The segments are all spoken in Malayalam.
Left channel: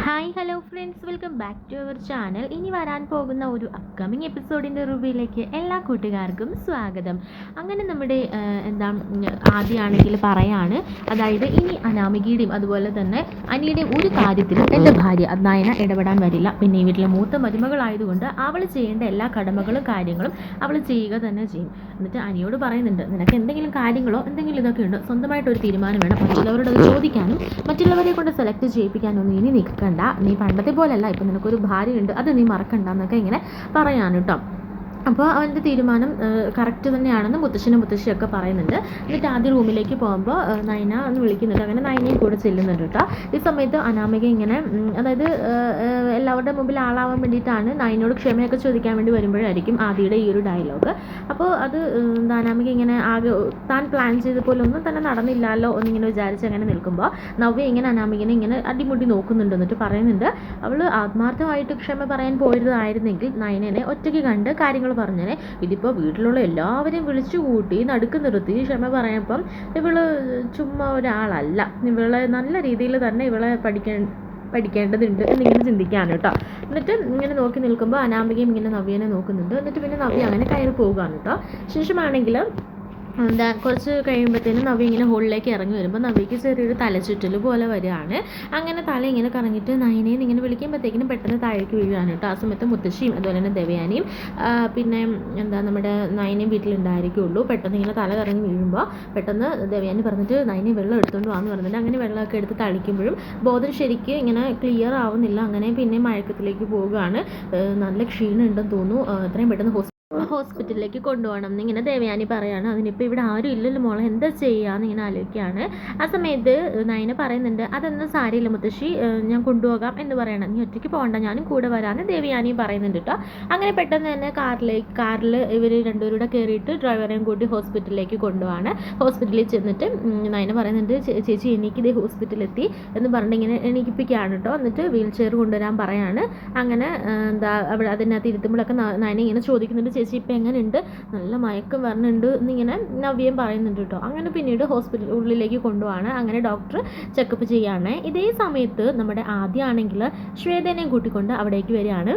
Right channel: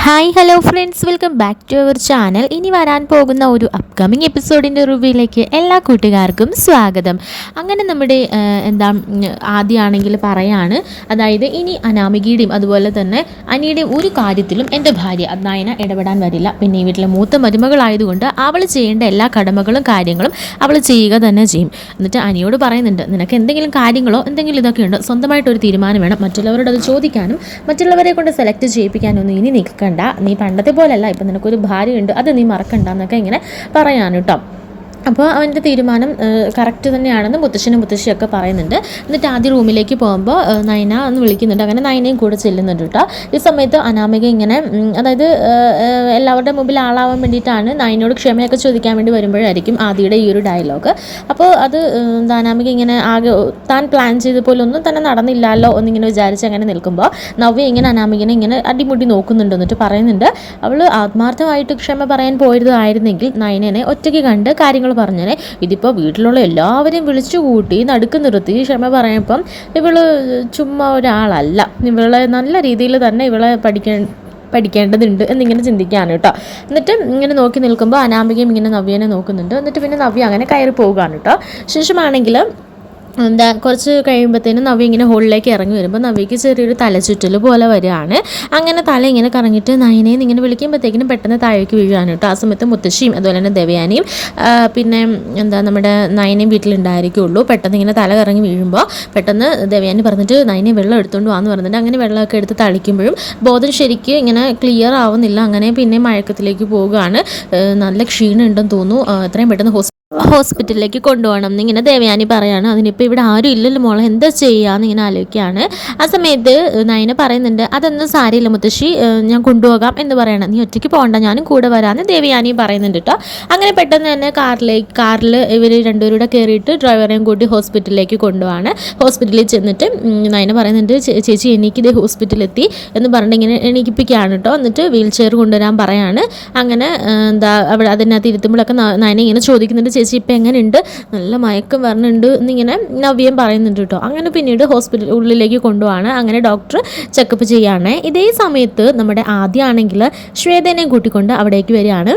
Hi hello friends welcome back to our channel ഇനി വരാൻ പോകുന്ന ഒരു അപ്കമിങ് എപ്പിസോഡിന്റെ റിവ്യൂയിലേക്ക് എല്ലാ കൂട്ടുകാർക്കും സ്വാഗതം. അങ്ങനെ നമ്മുടെ എന്താ ആദ്യമാണെങ്കിൽ പറയാണ്. അതായത് ഇനി അനാമികയുടെയും അതുപോലെ തന്നെ അനിയുടെയും ഒരു കാര്യത്തിലും എന്റെ ഭാര്യ നയന ഇടപെടാൻ വരില്ല. പിന്നെ ഈ വീട്ടിലെ മൂത്ത മരുമകളായതുകൊണ്ട് അവൾ ചെയ്യേണ്ട എല്ലാ കടമകളും കാര്യങ്ങളും അവൾ ചെയ്യുക തന്നെ ചെയ്യും. എന്നിട്ട് അനിയോട് പറയുന്നുണ്ട് നിനക്ക് എന്തെങ്കിലും കാര്യങ്ങളോ എന്തെങ്കിലും ഇതൊക്കെ ഉണ്ടോ? സ്വന്തമായിട്ടൊരു തീരുമാനം വേണം. മറ്റുള്ളവരോട് അത് ചോദിക്കാനും മറ്റുള്ളവരെ കൊണ്ട് സെലക്ട് ചെയ്യിപ്പിക്കാനൊന്നും ഇനി നിൽക്കണ്ട നീ പണ്ടത്തെ പോലല്ല ഇപ്പം നിനക്കൊരു ഭാര്യയുണ്ട് അത് നീ മറക്കണ്ട എന്നൊക്കെ ഇങ്ങനെ പറയാൻ അപ്പോൾ അവന്റെ തീരുമാനം കറക്റ്റ് തന്നെയാണെന്ന് മുത്തശ്ശനും മുത്തശ്ശിയൊക്കെ പറയുന്നുണ്ട്. എന്നിട്ട് ആദ്യ റൂമിലേക്ക് പോകുമ്പോൾ നയന എന്ന് വിളിക്കുന്നുണ്ട്. അങ്ങനെ നയനയും കൂടെ ചെല്ലുന്നുണ്ട് കേട്ടോ. ഈ സമയത്ത് അനാമിക ഇങ്ങനെ അതായത് എല്ലാവരുടെ മുമ്പിൽ ആളാവാൻ വേണ്ടിയിട്ടാണ് നയനോട് ക്ഷമയൊക്കെ ചോദിക്കാൻ വേണ്ടി വരുമ്പോഴായിരിക്കും ആദിയുടെ ഈ ഒരു ഡയലോഗ് അപ്പോൾ അത് അനാമിക ഇങ്ങനെ ആകെ താൻ പ്ലാൻ ചെയ്ത പോലെ ഒന്നും തന്നെ നടന്നില്ലല്ലോ എന്നിങ്ങനെ വിചാരിച്ച് അങ്ങനെ നിൽക്കുമ്പോൾ നവ്യ ഇങ്ങനെ അനാമികനെ ഇങ്ങനെ അടിമുടി നോക്കുന്നുണ്ട് എന്നിട്ട് പറയുന്നുണ്ട്. അവൾ ആത്മാർത്ഥമായിട്ട് ക്ഷമ പറയാൻ പോയതായിരുന്നെങ്കിൽ നയനനെ ഒറ്റയ്ക്ക് കണ്ട് കാര്യങ്ങൾ പറഞ്ഞേനെ ഇതിപ്പോൾ വീട്ടിലുള്ള എല്ലാവരെയും വിളിച്ചു കൂട്ടി നടുക്ക് നിർത്തി. ക്ഷമ പറയപ്പം ഇവൾ ചുമ്മാ ഒരാളല്ല. ഇവളെ നല്ല രീതിയിൽ തന്നെ ഇവളെ പഠിക്കാൻ പഠിക്കേണ്ടതുണ്ട് എന്നിങ്ങനെ ചിന്തിക്കുകയാണ് കേട്ടോ. എന്നിട്ട് ഇങ്ങനെ നോക്കി നിൽക്കുമ്പോൾ അനാമികയും ഇങ്ങനെ നവ്യനെ നോക്കുന്നുണ്ട്. എന്നിട്ട് പിന്നെ നവ്യ അങ്ങനെ കയറി പോവുകയാണ് കേട്ടോ. ശേഷമാണെങ്കിൽ എന്താ കുറച്ച് കഴിയുമ്പോഴത്തേനും നവി ഇങ്ങനെ ഹോളിലേക്ക് ഇറങ്ങി വരുമ്പോൾ നവിക്ക് ചെറിയൊരു തലചുറ്റൽ പോലെ വരികയാണ്. അങ്ങനെ തല ഇങ്ങനെ കറങ്ങിയിട്ട് നയനേന്ന് ഇങ്ങനെ വിളിക്കുമ്പോഴത്തേക്കിനും പെട്ടെന്ന് താഴേക്ക് വീഴുകയാണ് കേട്ടോ. ആ സമയത്ത് മുത്തശ്ശിയും അതുപോലെ തന്നെ ദേവയാനിയും പിന്നെ എന്താ നമ്മുടെ നയനയും വീട്ടിലുണ്ടായിരിക്കുള്ളൂ. പെട്ടെന്ന് ഇങ്ങനെ തല കറങ്ങി വീഴുമ്പോൾ പെട്ടെന്ന് ദേവയാനി പറഞ്ഞിട്ട് നയനെ വെള്ളം എടുത്തുകൊണ്ട് വാന്ന് പറഞ്ഞിട്ട് അങ്ങനെ വെള്ളമൊക്കെ എടുത്ത് തളിക്കുമ്പോഴും ബോധം ശരിക്കും ഇങ്ങനെ ക്ലിയർ ആവുന്നില്ല. അങ്ങനെ പിന്നെ മയക്കത്തിലേക്ക് പോവുകയാണ്. നല്ല ക്ഷീണമുണ്ടെന്ന് തോന്നുന്നു. എത്രയും പെട്ടെന്ന് ഹോസ്പിറ്റലിലേക്ക് കൊണ്ടുപോകണം എന്നിങ്ങനെ ദേവയാനി പറയാണ്. അതിനിപ്പോൾ ഇവിടെ ആരും ഇല്ലല്ലോ മോളെ എന്താ ചെയ്യാന്ന് ഇങ്ങനെ ആലോചിക്കുകയാണ്. ആ സമയത്ത് നയന പറയുന്നുണ്ട് അതൊന്നും സാരിയില്ല മുത്തശ്ശി ഞാൻ കൊണ്ടുപോകാം എന്ന് പറയണം. നീ ഒറ്റയ്ക്ക് പോകണ്ട ഞാനും കൂടെ വരാമെന്ന് ദേവയാനി പറയുന്നുണ്ട് കേട്ടോ അങ്ങനെ പെട്ടെന്ന് തന്നെ കാറിലേക്ക് കാറിൽ ഇവർ രണ്ടുപേരൂടെ കയറിയിട്ട് ഡ്രൈവറെയും കൂട്ടി ഹോസ്പിറ്റലിലേക്ക് കൊണ്ടുപോവാണ്. ഹോസ്പിറ്റലിൽ ചെന്നിട്ട് നയന പറയുന്നുണ്ട് ചേച്ചി എനിക്ക് ഇത് ഹോസ്പിറ്റലിലെത്തി എന്ന് പറഞ്ഞിട്ട് ഇങ്ങനെ എണീക്കിപ്പിക്കുകയാണ് കേട്ടോ എന്നിട്ട് വീൽ ചെയർ കൊണ്ടുവരാൻ പറയാണ്. അങ്ങനെ എന്താ അവിടെ അതിനകത്ത് ഇരുത്തുമ്പോഴൊക്കെ നയന ഇങ്ങനെ ചോദിക്കുന്നുണ്ട് ചേച്ചി ഇപ്പം എങ്ങനെയുണ്ട്? നല്ല മയക്കം വരണുണ്ട് എന്നിങ്ങനെ നവ്യം പറയുന്നുണ്ട് കേട്ടോ. അങ്ങനെ പിന്നീട് ഹോസ്പിറ്റൽ ഉള്ളിലേക്ക് കൊണ്ടുപോവാണ്. അങ്ങനെ ഡോക്ടർ ചെക്കപ്പ് ചെയ്യുകയാണ്. ഇതേ സമയത്ത് നമ്മുടെ ആദ്യമാണെങ്കിൽ ശ്വേതനെ കൂട്ടിക്കൊണ്ട് അവിടേക്ക് വരികയാണ്.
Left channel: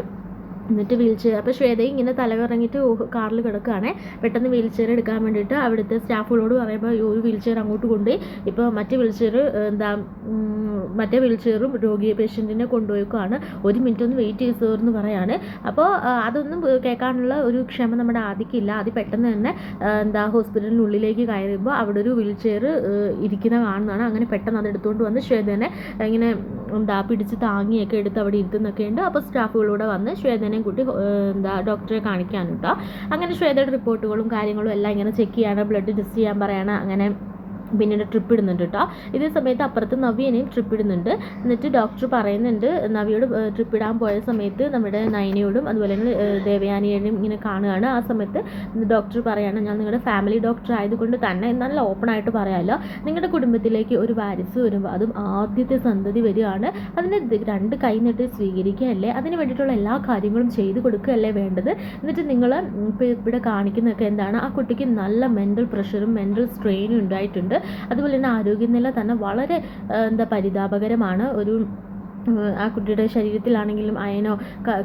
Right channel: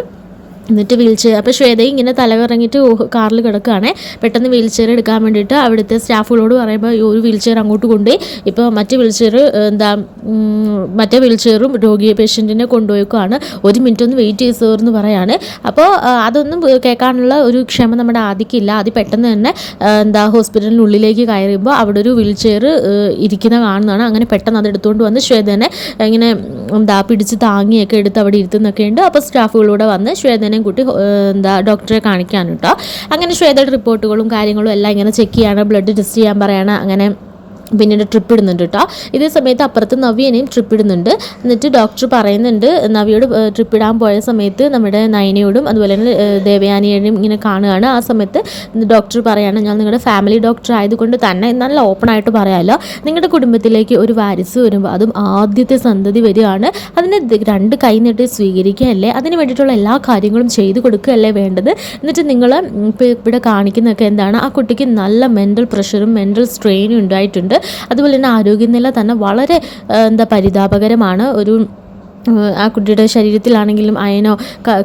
എന്നിട്ട് വീൽ ചെയർ അപ്പോൾ ശ്വേത ഇങ്ങനെ തല തലകറങ്ങിയിട്ട് കാറിൽ കിടക്കുകയാണ് പെട്ടെന്ന് വീൽ ചെയർ എടുക്കാൻ വേണ്ടിയിട്ട് അവിടുത്തെ സ്റ്റാഫുകളോട് പറയുമ്പോൾ ഒരു വീൽ ചെയർ അങ്ങോട്ട് കൊണ്ടുപോയി. ഇപ്പോൾ മറ്റേ വീൽ ചെയർ എന്താ മറ്റേ വീൽ ചെയറും രോഗിയെ പേഷ്യന്റിനെ കൊണ്ടുപോയിക്കുവാണ് ഒരു മിനിറ്റ് ഒന്ന് വെയിറ്റ് ചെയ്ത് എന്ന് പറയാണ്. അപ്പോൾ അതൊന്നും കേൾക്കാനുള്ള ഒരു ക്ഷമ നമ്മുടെ ആദിക്കില്ല ആദ്യ പെട്ടെന്ന് തന്നെ എന്താ ഹോസ്പിറ്റലിനുള്ളിലേക്ക് കയറിയുമ്പോൾ അവിടെ ഒരു വീൽ ചെയർ ഇരിക്കുന്ന കാണുന്നതാണ്. അങ്ങനെ പെട്ടെന്ന് അത് എടുത്തുകൊണ്ട് വന്ന് ശ്വേതനെ ഇങ്ങനെ എന്താ പിടിച്ച് താങ്ങിയൊക്കെ എടുത്ത് അവിടെ ഇരുത്തുന്നൊക്കെ ഉണ്ട് അപ്പോൾ സ്റ്റാഫുകളൂടെ വന്ന് ശ്വേതനെയും കൂട്ടി എന്താ ഡോക്ടറെ കാണിക്കാൻ കേട്ടോ അങ്ങനെ ശ്വേതയുടെ റിപ്പോർട്ടുകളും കാര്യങ്ങളും എല്ലാം ഇങ്ങനെ ചെക്ക് ചെയ്യാണ് ബ്ലഡ് ടെസ്റ്റ് ചെയ്യാൻ പറയാണ് അങ്ങനെ പിന്നീട് ട്രിപ്പ് ഇടുന്നുണ്ട് കേട്ടോ ഇതേ സമയത്ത് അപ്പുറത്ത് നവ്യനെയും ട്രിപ്പ് ഇടുന്നുണ്ട്. എന്നിട്ട് ഡോക്ടർ പറയുന്നുണ്ട് നവ്യയോട് ട്രിപ്പ് ഇടാൻ പോയ സമയത്ത് നമ്മുടെ നയനയോടും അതുപോലെ തന്നെ ദേവയാനിയോടും ഇങ്ങനെ കാണുകയാണ്. ആ സമയത്ത് ഡോക്ടർ പറയാണ് ഞാൻ നിങ്ങളുടെ ഫാമിലി ഡോക്ടർ ആയതുകൊണ്ട് തന്നെ നല്ല ഓപ്പൺ ആയിട്ട് പറയാമല്ലോ നിങ്ങളുടെ കുടുംബത്തിലേക്ക് ഒരു വാരിസ് വരുമ്പോൾ അതും ആദ്യത്തെ സന്തതി വരികയാണ്. അതിനെ രണ്ട് കൈ നീട്ടി സ്വീകരിക്കുകയല്ലേ? അതിന് വേണ്ടിയിട്ടുള്ള എല്ലാ കാര്യങ്ങളും ചെയ്തു കൊടുക്കുകയല്ലേ വേണ്ടത്? എന്നിട്ട് നിങ്ങൾ ഇവിടെ കാണിക്കുന്നതൊക്കെ എന്താണ്? ആ കുട്ടിക്ക് നല്ല മെന്റൽ പ്രഷറും മെന്റൽ സ്ട്രെയിനും ഉണ്ടായിട്ടുണ്ട്. അതുപോലെ തന്നെ ആരോഗ്യനില തന്നെ വളരെ എന്താ പരിതാപകരമാണ് ഒരു ആ കുട്ടിയുടെ ശരീരത്തിലാണെങ്കിലും അയനോ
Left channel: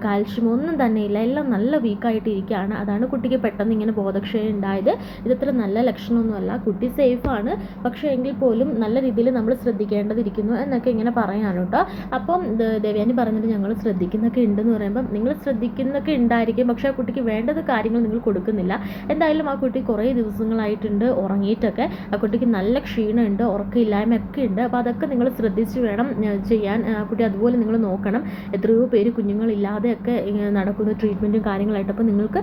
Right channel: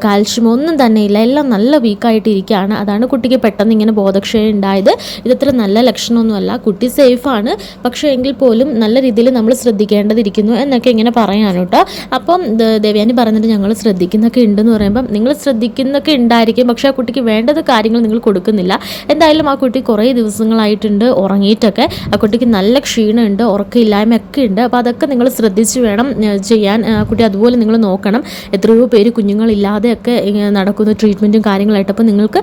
കാൽഷ്യമോ ഒന്നും തന്നെ ഇല്ല. എല്ലാം നല്ല വീക്കായിട്ടിരിക്കുകയാണ്. അതാണ് കുട്ടിക്ക് പെട്ടെന്ന് ഇങ്ങനെ ബോധക്ഷയം ഉണ്ടായത്. ഇതത്ര നല്ല ലക്ഷണമൊന്നുമല്ല. കുട്ടി സേഫാണ് പക്ഷേ എങ്കിൽ പോലും നല്ല രീതിയിൽ നമ്മൾ ശ്രദ്ധിക്കേണ്ടതിരിക്കുന്നു എന്നൊക്കെ ഇങ്ങനെ പറയാൻ കേട്ടോ അപ്പം ദേവ്യാനി പറഞ്ഞിട്ട് ഞങ്ങൾ ശ്രദ്ധിക്കുന്നൊക്കെ ഉണ്ടെന്ന് പറയുമ്പം നിങ്ങൾ ശ്രദ്ധിക്കുന്നൊക്കെ ഉണ്ടായിരിക്കും. പക്ഷേ ആ കുട്ടിക്ക് വേണ്ടത് കാര്യങ്ങൾ നിങ്ങൾ കൊടുക്കുന്നില്ല. എന്തായാലും ആ കുട്ടി കുറേ ദിവസങ്ങളായിട്ടുണ്ട് ഉറങ്ങിയിട്ടൊക്കെ. ആ കുട്ടിക്ക് നല്ല ക്ഷീണമുണ്ട് ഉറക്കമില്ലായ്മയൊക്കെ ഉണ്ട്. അപ്പോൾ അതൊക്കെ നിങ്ങൾ ശ്രദ്ധിച്ച് വേണം ചെയ്യാൻ കുട്ടി അതുപോലെ നിങ്ങൾ നോക്കണം. എത്രയോ പേര് കുഞ്ഞുങ്ങളില്ലാതെയൊക്കെ നടക്കുന്ന ട്രീറ്റ്മെന്റും കാര്യങ്ങളായിട്ട് അപ്പോൾ നിങ്ങൾക്ക്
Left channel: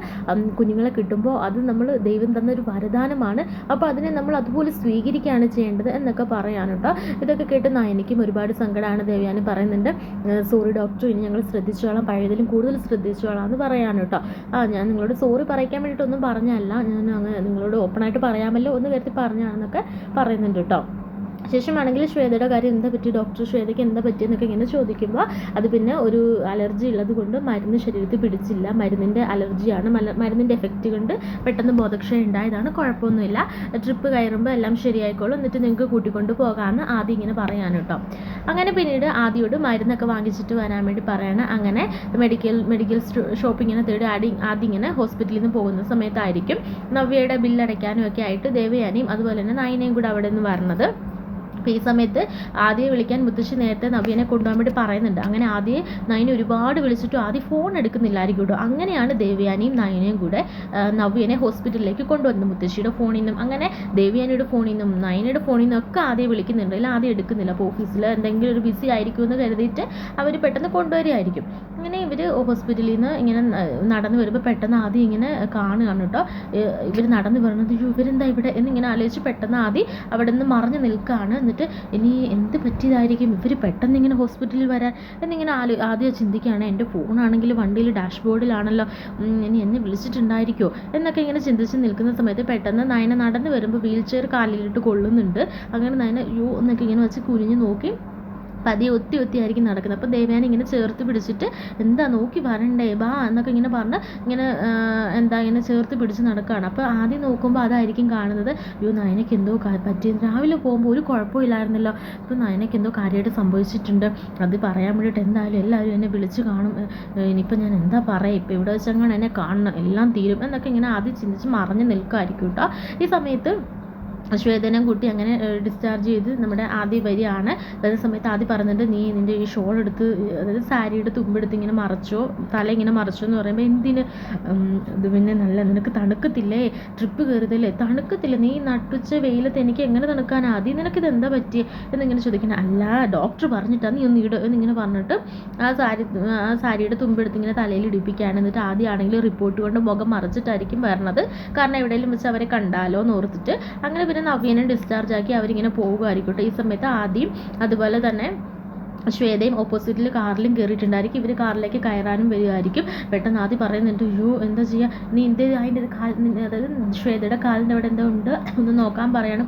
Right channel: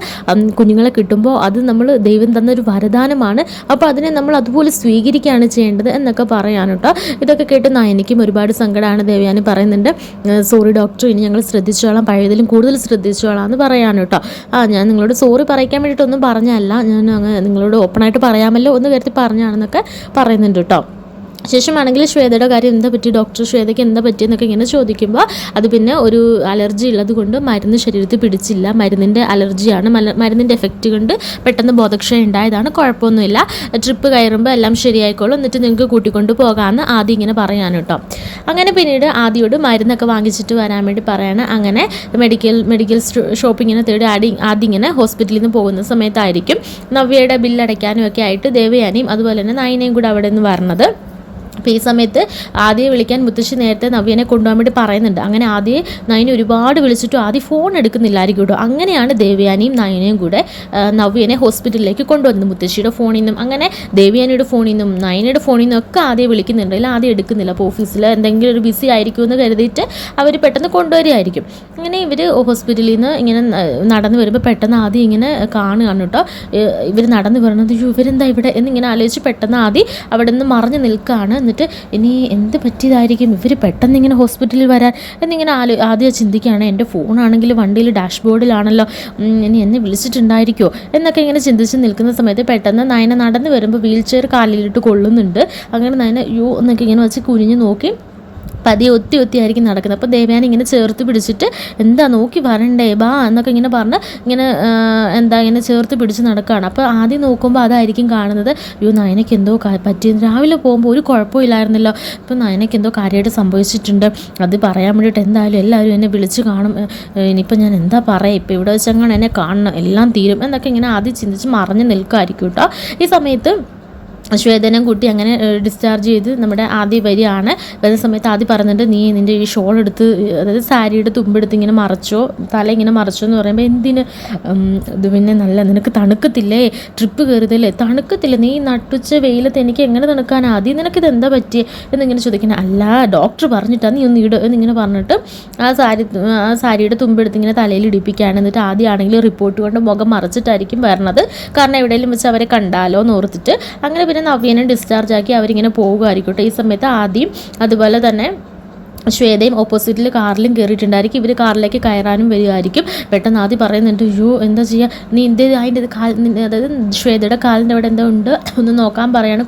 കുഞ്ഞുങ്ങളെ കിട്ടുമ്പോൾ അത് നമ്മൾ ദൈവം തന്ന ഒരു വരദാനമാണ്. അപ്പോൾ അതിനെ നമ്മൾ അതുപോലെ സ്വീകരിക്കുകയാണ് ചെയ്യേണ്ടത് എന്നൊക്കെ പറയാൻ കേട്ടോ ഇതൊക്കെ കേട്ട് എനിക്കും ഒരുപാട് സങ്കടമാണ് ദേവയാനി പറയുന്നുണ്ട്. സോറി ഡോക്ടർ ഇനി ഞങ്ങൾ ശ്രദ്ധിച്ചോളാം. പഴയതിലും കൂടുതൽ ശ്രദ്ധിച്ചോളാം എന്ന് പറയാൻ കേട്ടോ ആ ഞാൻ നിങ്ങളോട് സോറി പറയിക്കാൻ വേണ്ടിയിട്ടൊന്നും പറഞ്ഞല്ല ഞാൻ അങ്ങ് നിങ്ങളോട് ഓപ്പണായിട്ട് പറയാമല്ലോ ഒന്ന് കരുതി പറഞ്ഞാണെന്നൊക്കെ പറയുന്നുണ്ട് കേട്ടോ. ശേഷമാണെങ്കിൽ ശ്വേതയുടെ കാര്യം എന്താ പറ്റി? ഡോക്ടർ ശ്വേതയ്ക്ക് എന്താ പറ്റിയെന്നൊക്കെ ഇങ്ങനെ ചോദിക്കുമ്പോൾ അത് പിന്നെ ഒരു അലർജി ഉള്ളത് കൊണ്ട് മരുന്ന് ശരീരത്തിൽ പിടിച്ചില്ല. മരുന്നിന്റെ അലർജിയാണ് മരുന്നിന്റെ എഫക്റ്റ് കൊണ്ട് പെട്ടെന്ന് ബോധക്ഷയം ഉണ്ടായതാണ്. കുഴപ്പമൊന്നുമില്ല. ട്രിപ്പ് കയറുമ്പോൾ എല്ലാം ശരിയായിക്കോളും. എന്നിട്ട് നിങ്ങൾക്ക് കൂട്ടിക്കൊണ്ട് പോകാമെന്ന് ആദ്യം ഇങ്ങനെ പറയാൻ കേട്ടോ അങ്ങനെ പിന്നീട് ആദ്യയോട് മരുന്നൊക്കെ വാങ്ങിച്ചിട്ട് വരാൻ വേണ്ടി പറയാണ്. അങ്ങനെ മെഡിക്കൽ മെഡിക്കൽ ഷോപ്പിങ്ങിനെ തേടി ആടി ആദ്യം ഇങ്ങനെ ഹോസ്പിറ്റലിൽ നിന്ന് പോകുന്ന സമയത്തായിരിക്കും. നവ്യയുടെ ബില്ലടയ്ക്കാനും ഒക്കെ ആയിട്ട് ദേവയാനിയും അതുപോലെ തന്നെ നയനയും കൂടെ അവിടെ നിന്ന് വരണത്. അപ്പോൾ ഈ സമയത്ത് ആദ്യം വിളിക്കാൻ മുത്തശ്ശി നേരത്തെ നവ്യനെ കൊണ്ടുപോകാൻ വേണ്ടി പറയുന്നുണ്ട്. അങ്ങനെ ആദ്യം നയനെ ഒരുപാട് വിളിച്ചിട്ടും ആദ്യം ഫോൺ എടുക്കുന്നില്ലായിരിക്കും കേട്ടോ. അങ്ങനെയാണ് ദേവ്യാനിയും നയനയും കൂടെ നവ്യനെ ഹോസ്പിറ്റലിലേക്ക് കൊണ്ടുവന്നത്. മുത്തശ്ശിയുടെ ഫോണിൽ നിന്നും അങ്ങനെ ദേവ്യാനിയുടെ ഫോണിൽ നിന്നും നയനയുടെ ഫോണിൽ നിന്നും ഒക്കെ ആദ്യം വിളിക്കുന്നുണ്ട്. അല്ലെങ്കിൽ ആദ്യം എടുക്കുന്നില്ല. അപ്പോൾ ഓഫീസിൽ എന്തെങ്കിലും ഒരു ബിസി ആയിരിക്കും എന്ന് കരുതിയിട്ട് അവർ പെട്ടെന്ന് കൊണ്ടുവരികയായിരിക്കും. ഇങ്ങനെ ഇവർ ഹോസ്പിറ്റലിൽ നിന്ന് ഇങ്ങനെ നടന്നു വരുമ്പോൾ പെട്ടെന്ന് ആദ്യം ഇങ്ങനെ കാണുകയാണ് കേട്ടോ. ഇവർ നടന്നു വരുന്നത് "അയ്യോ, ഇവരെന്താ ഇവിടെ? എന്നിങ്ങനെ ആലോചിച്ച് പെട്ടെന്ന് ആദ്യം അവിടെ നിന്ന് മറിഞ്ഞ് നിൽക്കുകയാണ്. എന്നിട്ട് ഇനി എന്ത് പറ്റിയതായിരിക്കും? ഇവർ പെട്ടെന്ന് ഇങ്ങനെ ഹോസ്പിറ്റലിൽ വരാൻ എന്നിങ്ങനെ ആലോ ആദ്യം ചിന്തിക്കുകയാണ്. എന്റെ ഫോണാണെങ്കിൽ വണ്ടിയിൽ ഡാഷ്ബോർഡിലാണല്ലോ ബോർഡിലാണല്ലോ ഇനി എന്നെ വിളിച്ചിട്ടുണ്ടായിരിക്കുമോ എന്നൊക്കെ ഇങ്ങനെ ചിന്തിച്ച് നിൽക്കുന്ന സമയത്ത് പെട്ടെന്ന് നയന നടന്ന് വരുമ്പോൾ വീൽ ചെയർ കാലിലിട്ട് കൊള്ളുന്നുണ്ട്. അങ്ങനെ നയന യു എന്നൊക്കെ ഇങ്ങനെ വെച്ച് കുനിഞ്ഞ് നോക്കി. പതിയെ ഒത്തി ഒത്തി ആയിരിക്കും നടക്കുന്നത്. അപ്പോൾ ദേവയാനി ഇങ്ങനെ ചേർത്ത് പിടിച്ചിട്ട് എന്താ നോക്കി വരണ്ടേ? ബാ എന്നൊക്കെ ഇങ്ങനെ പറഞ്ഞ് ഇങ്ങനെ എന്താ ഇങ്ങനെ ചേർത്ത് പിടിച്ച് നടക്കുകയാണ് അപ്പോൾ ആദ്യം നോക്കുമ്പോൾ അതായിരിക്കും കാണുന്നത്. അയ്യോ നയനയ്ക്ക് എന്തോ പറ്റി. രാവിലെ പോകുമ്പോൾ ഒരു കുഴപ്പമില്ലായിരുന്നല്ലോ ഇപ്പോൾ നയനയ്ക്ക് എന്തോ കാര്യമായിട്ട് സംഭവിച്ചിട്ടുണ്ട്. അത് പറയാൻ വേണ്ടിയിട്ട് എന്തായാലും എല്ലാവരും എന്നെ വിളിച്ച് കാണും. ഇനിയിപ്പോൾ ഞാൻ എന്താ പറയുക ഇപ്പോൾ ഇവിടെ വെച്ചങ്ങനെ എന്നെ കാണണം? എല്ലാം തീരും എന്നൊക്കെ ഇങ്ങനെ ആദ്യം ചിന്തിച്ച് മറിഞ്ഞ് നിൽക്കുമായിരിക്കും കേട്ടോ. ഈ സമയത്ത് ശ്വേതനം കൂട്ടി അങ്ങനെ ഡിസ്ചാർജ് ചെയ്ത് നമ്മുടെ ആദ്യ വരിയാണ്. വരുന്ന സമയത്ത് ആദ്യം പറഞ്ഞിട്ട് നീ നിന്റെ ഈ ഷോൾ എടുത്ത് അതായത് സാരിയുടെ തുമ്പെടുത്ത് ഇങ്ങനെ മറച്ചോ തല ഇങ്ങനെ മറച്ചോ എന്ന് പറയുമ്പോൾ എന്തിന്? ഇത് പിന്നെ നല്ല നിനക്ക് തണുക്കത്തില്ലേ? ട്രിപ്പ് കയറിയതല്ലേ തണുക്കത്തില്ല? നീ നട്ടുച്ച വെയിലത്ത് എനിക്ക് എങ്ങനെ തണുക്കാൻ? ആദ്യം നിനക്കിത് എന്താ പറ്റി എന്നിങ്ങനെ ചോദിക്കണം അല്ല ഡോക്ടർ പറഞ്ഞിട്ടാണ് നീ ഒന്ന് ഇട എന്നിങ്ങനെ പറഞ്ഞിട്ട് ആ സാരി ആ സാരിയുടെ തുമ്പെടുത്ത് ഇങ്ങനെ തലയിൽ ഇടിപ്പിക്കുകയാണ്. എന്നിട്ട് ആദ്യമാണെങ്കിൽ റിപ്പോർട്ട് കൊണ്ട് മുഖം മറച്ചിട്ടായിരിക്കും വരണത്. കാരണം എവിടെയെങ്കിലും വെച്ച് അവരെ കണ്ടാലോ എന്ന് ഓർത്തിട്ട്. അങ്ങനെ പിന്നെ നവ്യനെ ഡിസ്ചാർജ് ആക്കി അവരിങ്ങനെ പോകുമായിരിക്കട്ടെ ഈ സമയത്ത് ആദ്യം അതുപോലെ തന്നെ ശ്വേതയും ഓപ്പോസിറ്റിൽ കാറിലും കയറിയിട്ടുണ്ടായിരിക്കും ഇവർ കാറിലേക്ക് കയറാനും വരികയായിരിക്കും പെട്ടെന്ന് ആദ്യം പറയുന്നുണ്ട് യു എന്താ ചെയ്യുക നീ എന്ത് അതിന്റെ കാൽ അതായത് ശ്വേതയുടെ കാലിന്റെ അവിടെ എന്താ ഉണ്ട്? ഒന്ന് നോക്കാൻ പറയാണ്.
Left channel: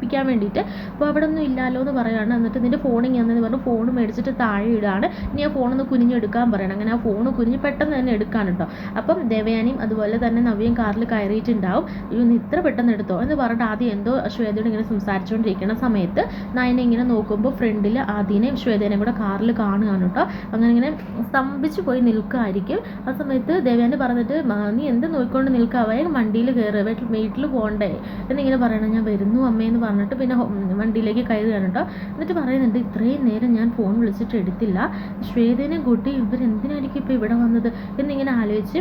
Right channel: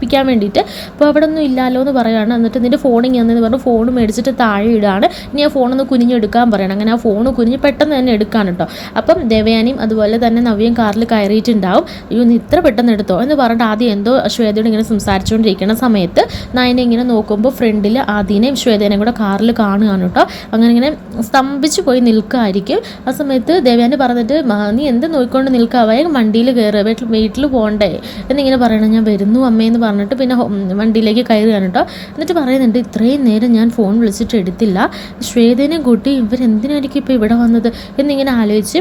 കുനിയിപ്പിക്കാൻ വേണ്ടിയിട്ട്. അപ്പോൾ അവിടെ ഒന്നും ഇല്ലല്ലോ എന്ന് പറയുകയാണ്. എന്നിട്ട് നിന്റെ ഫോൺ എന്ന് പറഞ്ഞു. ഫോൺ മേടിച്ചിട്ട് താഴെ ഇടുകയാണ് ഇനി ആ ഫോണൊന്ന് കുനിഞ്ഞെടുക്കാൻ പറയണം. അങ്ങനെ ആ ഫോൺ കുനിഞ്ഞ് പെട്ടെന്ന് തന്നെ എടുക്കാൻ കേട്ടോ അപ്പം ദേവയാനിയും അതുപോലെ തന്നെ നവ്യം കാറിൽ കയറിയിട്ടുണ്ടാവും. അയ്യോ നീ ഇത്ര പെട്ടെന്ന് എടുത്തോ എന്ന് പറഞ്ഞിട്ട് ആദ്യം എന്തോ ശ്വേതയോട് ഇങ്ങനെ സംസാരിച്ചുകൊണ്ടിരിക്കുന്ന സമയത്ത് നയനെ ഇങ്ങനെ നോക്കുമ്പോൾ ഫ്രണ്ടിൽ ആദ്യനെയും ശ്വേതേനെയും കൂടെ കാറിൽ കാണുകയാണ് കേട്ടോ അങ്ങനെ ഇങ്ങനെ സ്തംഭിച്ച് പോയി നിൽക്കുമായിരിക്കും. ആ സമയത്ത് ദേവയാനി പറഞ്ഞിട്ട് "മാ, നീ എന്ത് നോക്കിക്കൊണ്ട് നിൽക്കാവായ വണ്ടിയിൽ കയറുക വീട്ടിൽ വീട്ടിൽ പോകണ്ടേ? എന്നിങ്ങനെ പറയണം. ഞാൻ വരുന്നു അമ്മയെന്ന് പറഞ്ഞിട്ട് പിന്നെ വണ്ടിയിലേക്ക് കയറുകയാണ് കേട്ടോ എന്നിട്ട് പറയുന്നുണ്ട് ഇത്രയും നേരം ഞാൻ ഫോൺ വിളിച്ചിട്ട് എടുത്തില്ല. ശ്വേതേനെ കൂട്ടി ഇവരെന്തിനായിരിക്കും ഇപ്പോൾ ഇവിടെ വന്നത്? എന്നിങ്ങനെ ആലോചിച്ച്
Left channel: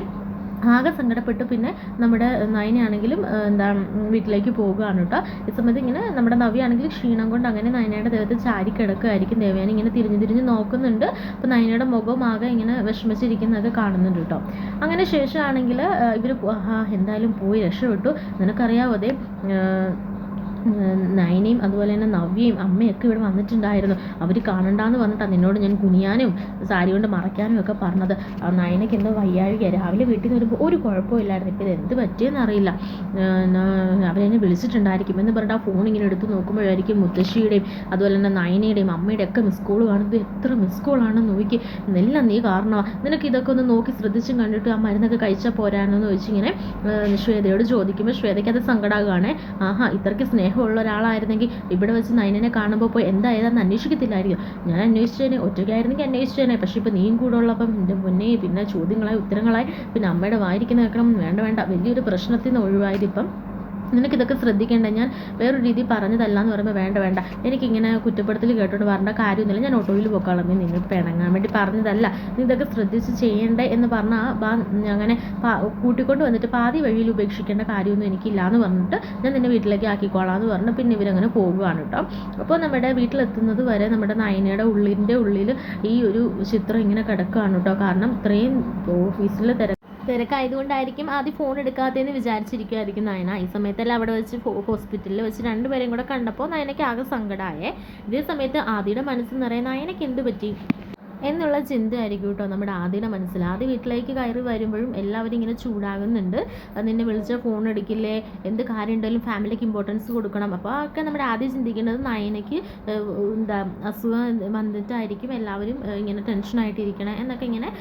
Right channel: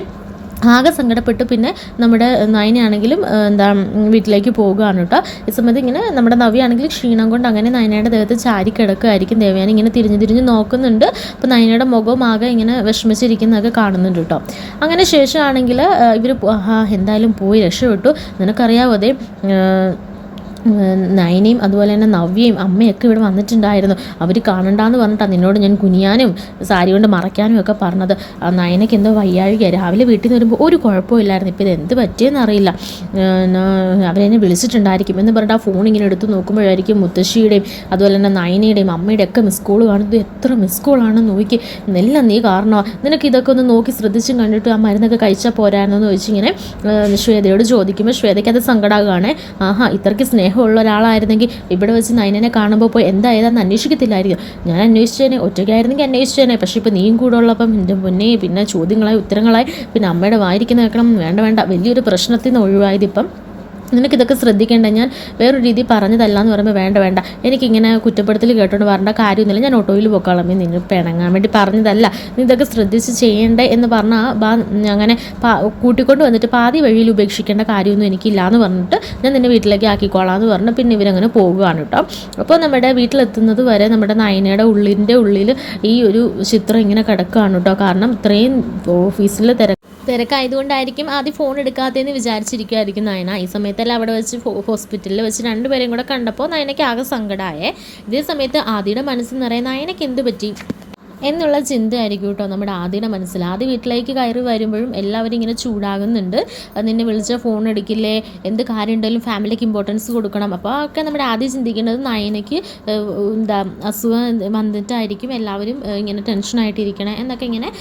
ആകെ സങ്കടപ്പെട്ട്. പിന്നെ നമ്മുടെ നയനയാണെങ്കിലും എന്താ വീട്ടിലേക്ക് പോകുകയാണ് കേട്ടോ. ഈ സമയത്ത് ഇങ്ങനെ നമ്മുടെ നവിയാണെങ്കിൽ ക്ഷീണം കൊണ്ട് അങ്ങനെ നയനയുടെ ദേഹത്ത് ചാരി കിടക്കുകയായിരിക്കും ദേവയാനി ഇങ്ങനെ തിരിഞ്ഞ് തിരിഞ്ഞ് നോക്കുന്നുണ്ട്. അപ്പോൾ നയനയുടെ മുഖവും ആകെ ഇങ്ങനെ വിഷമിച്ചിരിക്കുന്നതൊക്കെ കാണുന്നുണ്ട് കേട്ടോ. അങ്ങനെ ശേഷമാണെങ്കിൽ ഇവർ എന്തായാലും പോയി രക്ഷപ്പെട്ടു. നിനക്കറിയാവോ അതെ നയനയും അതുപോലെ തന്നെ നവ്യയും അമ്മയൊക്കെ ഇവിടെ വന്നിട്ടുണ്ടായിരുന്നു. അവർ കാണണ്ടാന്ന് പറഞ്ഞിട്ടാണ് നിന്നോട് ഞാൻ കുനിയാനും സാരി കൊണ്ട് മറയ്ക്കാനും ഒക്കെ പറഞ്ഞത്. നയനയ്ക്ക് എന്തോ വയ്യാഴിക രാവിലെ വീട്ടിൽ നിന്ന് വരുമ്പോൾ ഒരു കുഴപ്പമില്ലായിരുന്നു. ഇപ്പോൾ ഇത് എന്ത് പറ്റിയെന്ന് അറിയില്ല. അവരെന്നെ വിളിച്ചിട്ടുണ്ടായിരിക്കും. എന്ന് പറഞ്ഞിട്ട് ആ ഫോൺ ഇങ്ങനെ എടുത്ത് നോക്കുമ്പോഴായിരിക്കും മുത്തശ്ശിയുടെയും അതുപോലെ തന്നെ നയനയുടെയും അമ്മയുടെയും ഒക്കെ മിസ് കോൾ കാണുന്നത്. എത്ര മിസ് കോളാണെന്ന് നോക്കി. എല്ലാം നീ കാരണമാണ് നിനക്ക് ഇതൊക്കെ ഒന്ന് നോക്കി ശ്രദ്ധിച്ചും കണ്ടിട്ട് ആ മരുന്നൊക്കെ കഴിച്ചാൽ പോരാണെന്ന് ചോദിച്ചിങ്ങനെ ഏഹ് ശ്വേതയോട് ചോദിക്കുമ്പോൾ ശ്വേതയ്ക്ക് അത് സങ്കടമാകുകയാണ് ആഹാ ഇത്രയ്ക്ക് സ്നേഹമുള്ള ഒരാളായിരുന്നെങ്കിൽ ഇവിടെ വെച്ച് നൈനനെ കാണുമ്പോൾ പോയി എന്താ ഏതാന്ന് അന്വേഷിക്കത്തില്ലായിരിക്കും. ഞാൻ അന്വേഷിച്ചേനെ ഒറ്റയ്ക്കായിരുന്നെങ്കിൽ അന്വേഷിച്ചേനെ. പക്ഷേ ഇപ്പോൾ നീയും കൂടെ ഉള്ളപ്പം എന്റെ മുന്നേ പിന്നെ ചോദ്യങ്ങളായി ഉത്തരങ്ങളായി പിന്നെ അമ്മയുടെ വായിരിക്കുന്ന കേൾക്കണം വേണ്ട വേണ്ട വലിയൊരു പ്രശ്നത്തിൽ നിന്ന് ഒഴിവായത് ഇപ്പം നിനക്കിതൊക്കെ ശ്രദ്ധിക്കേണ്ട. ഞാൻ വേറൊരു രീതി പറഞ്ഞതല്ല എന്ന് പറയുമ്പോൾ വേണ്ട വേണ്ട. എനിക്കിങ്ങനെ കുറ്റപ്പെടുത്തൽ കേട്ടോണ്ട് വരേണ്ട കാര്യമൊന്നുമില്ല. ഞാൻ ഓട്ടോയിൽ പോക്കാളാം. നിങ്ങൾ പിണങ്ങാൻ വേണ്ടി പറഞ്ഞതല്ല. നീ ഇതൊക്കെ ശ്രദ്ധിച്ച് ചെയ്യണ്ടേ എന്ന് പറഞ്ഞാൽ അങ്ങനെ കൂട്ടിക്കൊണ്ട് വന്നിട്ട് പാതി വഴിയിൽ ഉപേക്ഷിക്കേണ്ട കാര്യമൊന്നും എനിക്കില്ല എന്ന് പറഞ്ഞിട്ട് ഞാൻ നിന്നെ വീട്ടിലേക്ക് ആക്കിക്കോളാം എന്ന് പറഞ്ഞ് പിന്നെ ഇവരങ്ങനെ പോകുകയാണ് കേട്ടോ. അപ്പോൾ നമ്മുടെ വീട്ടിലെത്തുന്നത് വരെ നമ്മുടെ നയനയുടെ ഉള്ളിന്റെ ഉള്ളിൽ ഈ ഒരു ചിത്രം ഇങ്ങനെ കിടക്കുകയാണ് കേട്ടോ. കാരണം ഇത്രയും ഓഫീസിൽ തിര തിരക്കായതുകൊണ്ടായിരിക്കും ആദ്യം ഫോൺ എടുക്കാത്തതെന്ന് വിചാരിച്ചിരിക്കുമായിരിക്കും നയന. ഈ സമയത്തല്ല അവിടെ വെച്ച് ഹോസ്പിറ്റലിൽ വെച്ച് രണ്ടുപേരെയും കൂടെ കണ്ടപ്പോൾ നയനയ്ക്ക് ആകെ സങ്കടമായേ ഇതേ സമയത്ത് ആദിയുടെ മനസ്സിൽ നിറയെ നയനയ്ക്ക് എന്ത് പറ്റി? എന്നുള്ള ചിന്തയായിരിക്കും കേട്ടോ നമ്മുടെ ആദ്യയുടെ മനസ്സിൽ. ആദ്യ വീട്ടിലേക്ക് കയറി വരുമ്പോഴും എല്ലാവരും ഇങ്ങനെ ചൂടാകുന്നുണ്ട്. നിന്നെ വിളിച്ച ഫോൺ എടുക്കില്ലേ എന്ത് കാര്യം ഉണ്ടെങ്കിലും ഫാമിലിക്ക് ഇമ്പോർട്ടൻസ് കൊടുക്കണം. അപ്പോൾ ഒക്കെ നമ്മുടെ ആദ്യം ചിന്തിക്കുന്നത് നയനയ്ക്ക് എന്താ അസുഖം വന്നിട്ടായിരിക്കും എല്ലാവരും ഇങ്ങനെ ടെൻഷനായിട്ടിരിക്കണം എന്നൊക്കെ ഇങ്ങനെ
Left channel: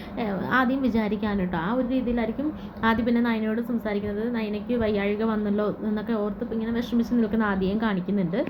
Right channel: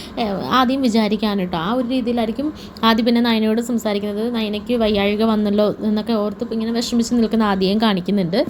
ആദ്യം വിചാരിക്കാൻ കേട്ടോ. ആ ഒരു രീതിയിലായിരിക്കും ആദ്യം പിന്നെ നയനയോട് സംസാരിക്കുന്നത്. നയനയ്ക്ക് വയ്യാഴിക വന്നല്ലോ എന്നൊക്കെ ഓർത്ത് ഇങ്ങനെ വിഷമിച്ച് നിൽക്കുന്ന ആദ്യം കാണിക്കുന്നുണ്ട്.